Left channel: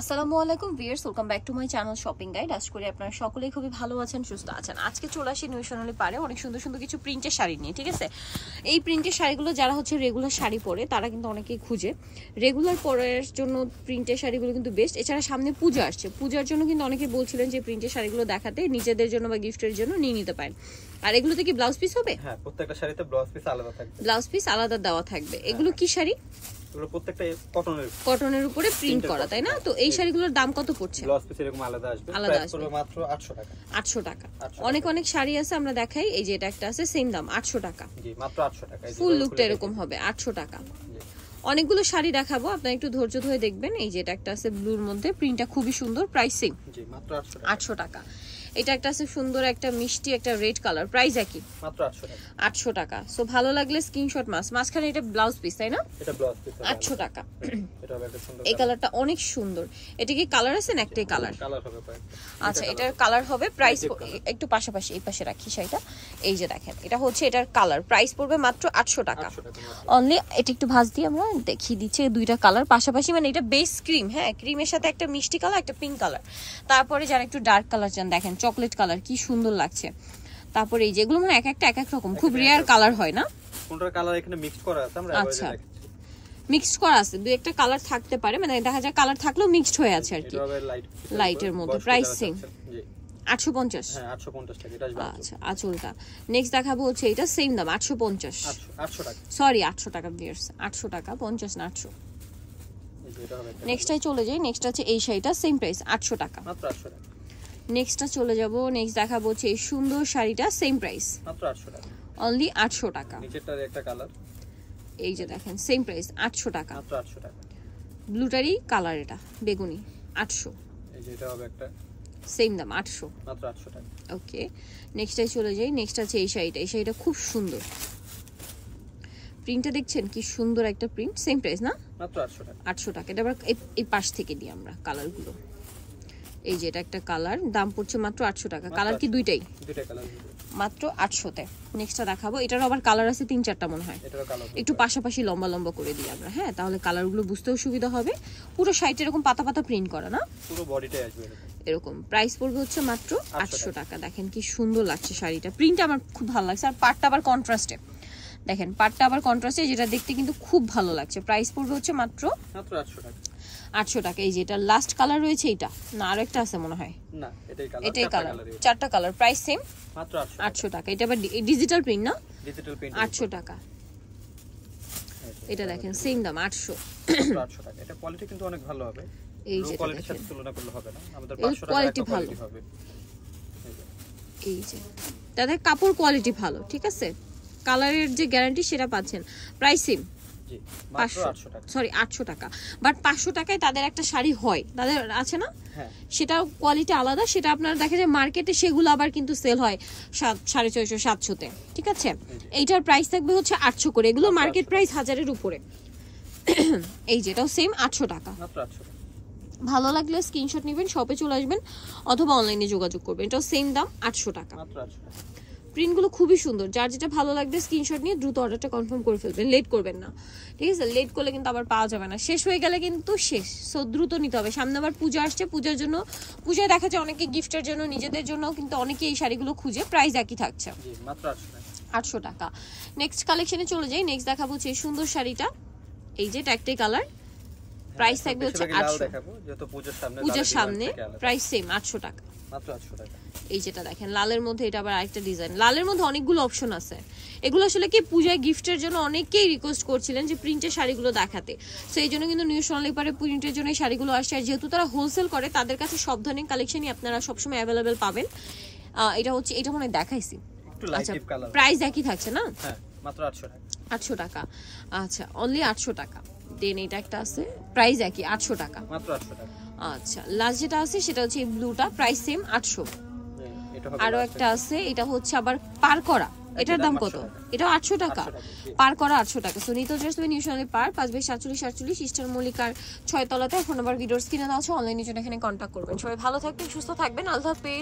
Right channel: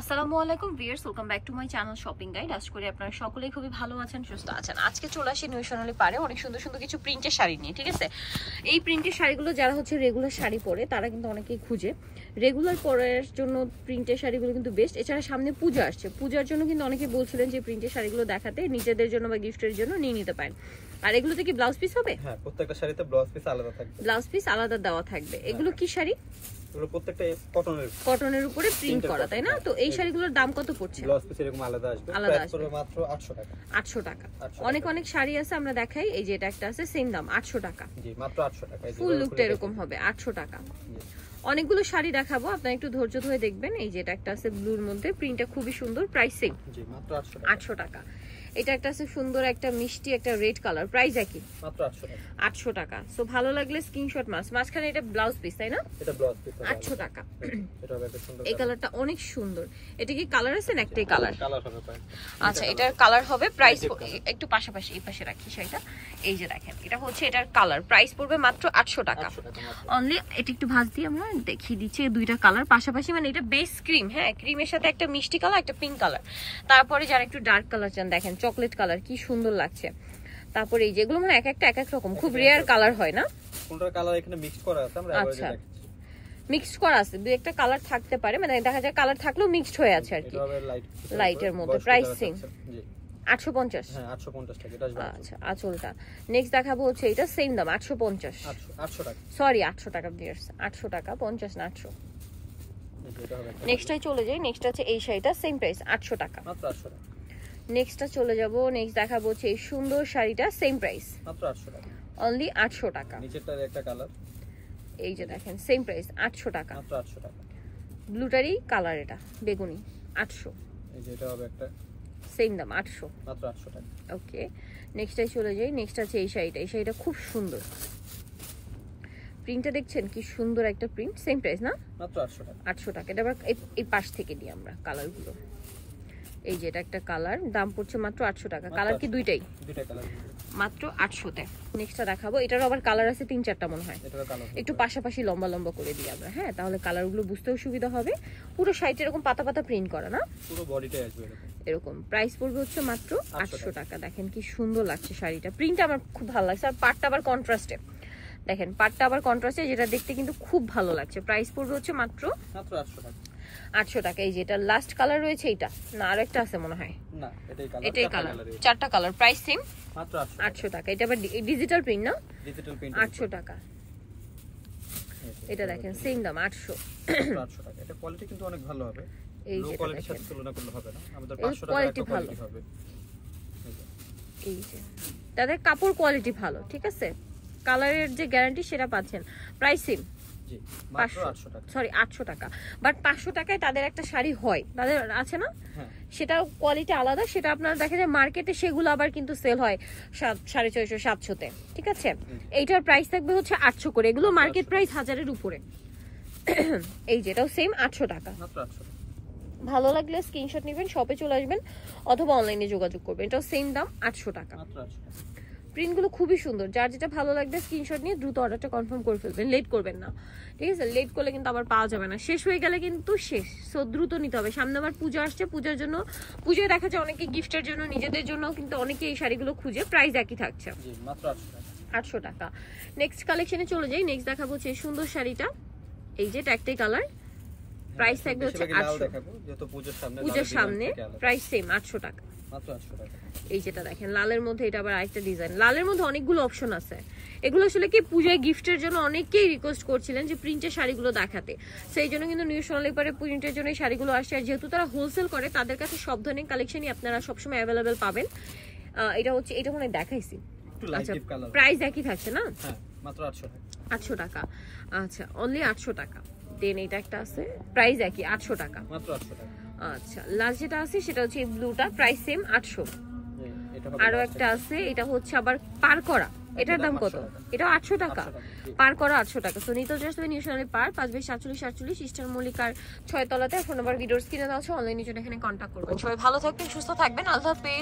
আসসালামু আলাইকুম viewers, welcome back to my channel shopping guide. আশা করি আপনারা সকলেই খুবই ভালো আছেন, সুস্থ আছেন। আজকে চলে আসি নিউ সোনালী পারে অনেক সুন্দর সুন্দর কিছু প্রিন্টের শাড়ি নিয়ে। ঠিক আছে, এই প্রিন্টের শাড়িগুলো যারা হচ্ছে রেগুলার শাড়ি পরে তারা কিন্তু অনেকেই খুঁজে। রেগুলার পরার জন্য প্রিন্টের শাড়িগুলো কিন্তু বেস্ট। এছাড়া সামনে পূজা আসছে, পূজার জন্য কিন্তু অনেকে বলছিলেন যে প্রিন্টের শাড়িগুলো দেখাতে, নিজেদের জন্য বা গিফটের জন্য নিয়ে নিতে পারেন। আর এগুলোতে কি ব্লাউজ পিস হবে? হ্যাঁ, প্রত্যেকটা শাড়িতে ব্লাউজ পিস আলাদা থাকবে। ব্লাউজ পিস আলাদা দেওয়া থাকবে। এগুলো কি শাড়ি? এগুলো প্রত্যেকটা কটনের উপরে প্রিন্ট করা, তাই না? তো এই শাড়িগুলোর দাম কত পড়ছে? ব্লাউজ পিস এরকম আলাদা আসবে, প্রাইস পড়বে মাত্র 800 টাকা। 800 টাকা। অনেক অনেক শাড়ি আছে, আমরা দেখাই। এই যে এটা একটা আছে, সেম দাম 800 টাকা। জি, মাত্র 800 টাকা। ফুল লুকটা এরকম হবে 800 টাকা। অনেকগুলো শাড়ি দেখাবো, আপনারা একটু ধৈর্য ধরে দেখবেন। এই যে এটা একটা আছে ব্লুর মধ্যে, প্রিন্টটা খুবই সুন্দর, প্রাইস সেম। জি, মাত্র 800 টাকা। এটা একটা আছে সুন্দর একটা মিষ্টি একটা রেড কালার, প্রাইস একই, মাত্র 800 টাকা। 800 টাকা। সো ভালো লাগলে স্ক্রিনশট মাঝখানে এটা ব্লাউজ পিস, তাই না? এটা ব্লাউজ পিস 800 টাকা। এটা হবে একটা সুন্দর, এই কালারটা অনেক সুন্দর। এটা কি কালার আছে না একটাই কালার? কালার হবে প্রাইস। আচ্ছা, এটার কালার হবে, প্রাইস একটু পাশাপাশি এই পাশে রাখি শাড়িটা। এই যে দেখেন, এটা হচ্ছে এটার কালার, প্রাইস পড়বে মাত্র 800 টাকা অনলি। এটা একটু ভাঁজ দিয়ে আমরা দেখিয়ে দিচ্ছি দুইটা কালার পাশাপাশি। মানে এটা বেস ক্রিম, হ্যাঁ, ক্রিমের সাথে একটা মিষ্টি কালার, একটা পিঙ্ক কালার। তারপরে যারা একটু ডার্ক কালার চান, দেখেন চকলেট কালার কি সুন্দর লাগছে। তারপরে এই যেগুলো না এক একটা এক এক রকম, খুব রেয়ার কালার হয় না? কোনটার কালার এখানে মিক্স করা আছে, আমরা এভাবে দেখাচ্ছি। মিক্স করা আছে, দুই একটা কালার থাকতে পারে, মানে দেখা যায় কালার থাকলেও মিক্সড হয়ে আছে আর কি। এটা হবে লাইটের মধ্যে, প্রাইস সেম। জি, 850। হ্যাঁ, 850 টাকা। এটা আসবে। আচ্ছা, আঁচলটা নেক্সট দেখাবো হচ্ছে এটা সেম দাম 850। 800 টাকা, সরি 800 টাকা ভিউয়ার্স, 800 টাকা, 50 না 800। এটা হবে একটা। নেক্সটটাই চলে যাই। নেক্সট হচ্ছে এই শাড়িটা, সেম প্রাইস 800 টাকা, মাত্র 800 টাকা। নেক্সটটা চলে যাব। নেক্সট দেখাবো হচ্ছে এই সুন্দর শাড়িটা, সেম প্রাইস মাত্র 800 টাকা, অনলি 800 টাকা। নিচেরটার একটা কালার, এই যে দেখেন সেম প্রাইস 800 টাকা। মাত্র 800 টাকা। ব্লুটারই কালার, এটা বেগুনি, 800। এই যে এটা হবে একটা, সেম দাম 800, মাত্র 800 টাকা। ওকে, নেক্সটটাই চলে যাই। নেক্সট আছে এই শাড়িটা, এই শাড়িটা খুব সুন্দর। প্রিন্টটা দেখছেন কি সুন্দর একটা প্রিন্ট, সেম প্রাইস না? মাত্র 800 টাকা। 800 টাকা। এটা আমরা এই পাশ থেকে দিই আমরা কালারগুলো। এই যে এটা একটা কালার, দাম পড়ছে মাত্র 800 টাকা। কালার কি দুইটাই? দুইটা কালার মাত্র 800 তে। নেক্সটটা দেখাবো, এটারও আবার কালার আছে 3-4টা মনে হয়। এটারও কালার একটু পাশাপাশি লম্বা লম্বা করে দিই আমরা, হ্যাঁ, তাহলে কালারগুলো বুঝতেও সুবিধা হবে। পুরো শাড়িটা এরকম পাতা পাতা প্রিন্ট করা না, পুরো বডিটাই আসবে এরকম। প্রাইস পড়বে হচ্ছে মাত্র 800 টাকা। দেখেন কি সুন্দর লাগছে শাড়িটা, প্রিন্টটা আমার খুব ভালো লাগছে। আর পাটটা আবার কন্ট্রাস্টে, দেখেন পাটটা আবার কন্ট্রাস্টে, যেটা দেখতে কিন্তু খুব ভালো লাগছে। প্রাইস পড়বে হচ্ছে মাত্র 800 টাকা। 800 টাকা। এই যে এটা লাস্ট কালার রয়েছে, এটা না আরো একটা আছে মনে হয়? না, এটাই কালার, এটাই কালার, চারটা কালার, প্রাইস সেম মাত্র 800 টাকা। এটা আবার ডিজিটাল প্রিন্ট না? ডিজিটাল প্রিন্ট, 800 টাকা। এটা দেখেন সেম দাম 800 টাকা। এটা কোয়ালিটি কিন্তু অনেক ভালো হবে, এই লো যে কোয়ালিটির সাথে তুলনা করলে হবে না। আমাদের 500 টাকা একটা কোয়ালিটি হবে। এই যে তাদের কাপড় কোয়ালিটি ভালো, ঠিক আছে, কালারের যে গ্যারান্টি সেটা পাচ্ছেন। প্রাইস সেম, জি, মাত্র 800 টাকা। সরি 800 টাকা। বাট 500 টাকায় তাদের একটা শাড়ি হয়, তাদের আছে না? হ্যাঁ, সেটা কোয়ালিটি আলাদা। সেটা আপনারা দেখে যে মার্কেটে সেগুলো আবার কিন্তু সেল হয় 650, 700 তে, ঠিক আছে। এইটার প্রাইস থাকবে হচ্ছে 800 করে। এগুলো মার্কেট প্রাইস 1000-এর উপরে। এই যেটাও সেম 800 টাকা, মাত্র 800 টাকা। ভালো লাগলে স্ক্রিনশট নেবেন, শপে চলে আসবেন অথবা অনলাইনে যোগাযোগ করবেন। এটাও সেম দাম 800 টাকা। মাত্র 800 টাকা। প্রিন্টগুলো খুবই সুন্দর, যার যেটা ভালো লাগবে স্ক্রিনশট নিয়ে দ্রুত অর্ডারটা কনফার্ম করে ফেলবেন, লেট করবেন না, ঠিক আছে? লেট করলে কিন্তু আবার পাওয়া যাবে না, শেষ হয়ে গেলে কিন্তু শেষ। সো দ্রুত নিতে হবে, সামনে আবার পূজা আসছে, পূজার জন্য, পূজায় দেখা যায় অনেকে গিফটের জন্য, নিজেদের জন্য কিন্তু অনেকে এই শাড়িগুলো খুঁজে। প্রাইস একই থাকছে, জি, মাত্র 800 টাকা। 800 টাকা। নেক্সট কালেকশনে চলে যাই। নেক্সট দেখাবো হচ্ছে এই সুন্দর শাড়িটা, এই যে ট্যাকটাই কালার, প্রাইস থাকবে হচ্ছে 800। দেখাবো যেহেতু পূজার সামনে, প্রাইস সেম 800 টাকা, মাত্র 800 টাকা। এই যেটা দেখেন লালের মধ্যে, এটা আবার আরেকটা ডিজাইন। লালের মধ্যে অনেকগুলো অপশন আছে। এগুলো আসলে কি পূজায় গিফটের জন্য অনেকেই রিকোয়েস্ট করছিলেন যে প্রিন্টের শাড়িগুলো দেখাতে, সো এই জন্য কিন্তু নিউ সোনালী পারে প্রিন্টের জন্য এই শাড়িগুলো আসছে। আর যেহেতু তারা হোলসেল করে, তাদের কাছে সব ধরনের কালেকশনই আপনারা সবসময় অ্যাভেলেবেল পাবেন। এটা হচ্ছে, এটা মনে দেখাইছি। আচ্ছা, প্রাইস একই থাকছে না? হ্যাঁ, মাত্র 800 টাকা। 800 টাকা, আচ্ছা, অনলি 800 টাকা। দেন এটা একটা আছে, প্রাইস একই 800 টাকা, মাত্র 800 টাকা। আচ্ছা, লাস্ট যেটা আছে সেটা হচ্ছে এই ব্লুটা, প্রাইস সেম 800। আরো একটা আছে, এটা হচ্ছে আবার পার করা, এটার দাম কত? এটা 800 টাকা, পার করা 800 টাকা। সো নিতো জাস্ট নিউ সোনালী পার 5/47 ইস্টার্ন মল্লিকার 6 তলাতে। ফোন নাম্বার ভিডিওর স্ক্রিনে দেওয়া আছে, অনলাইনে জন্য এখানে কন্ট্যাক্ট করবেন। সবাই ভালো থাকবেন, সুস্থ থাকবেন, আল্লাহ হাফেজ।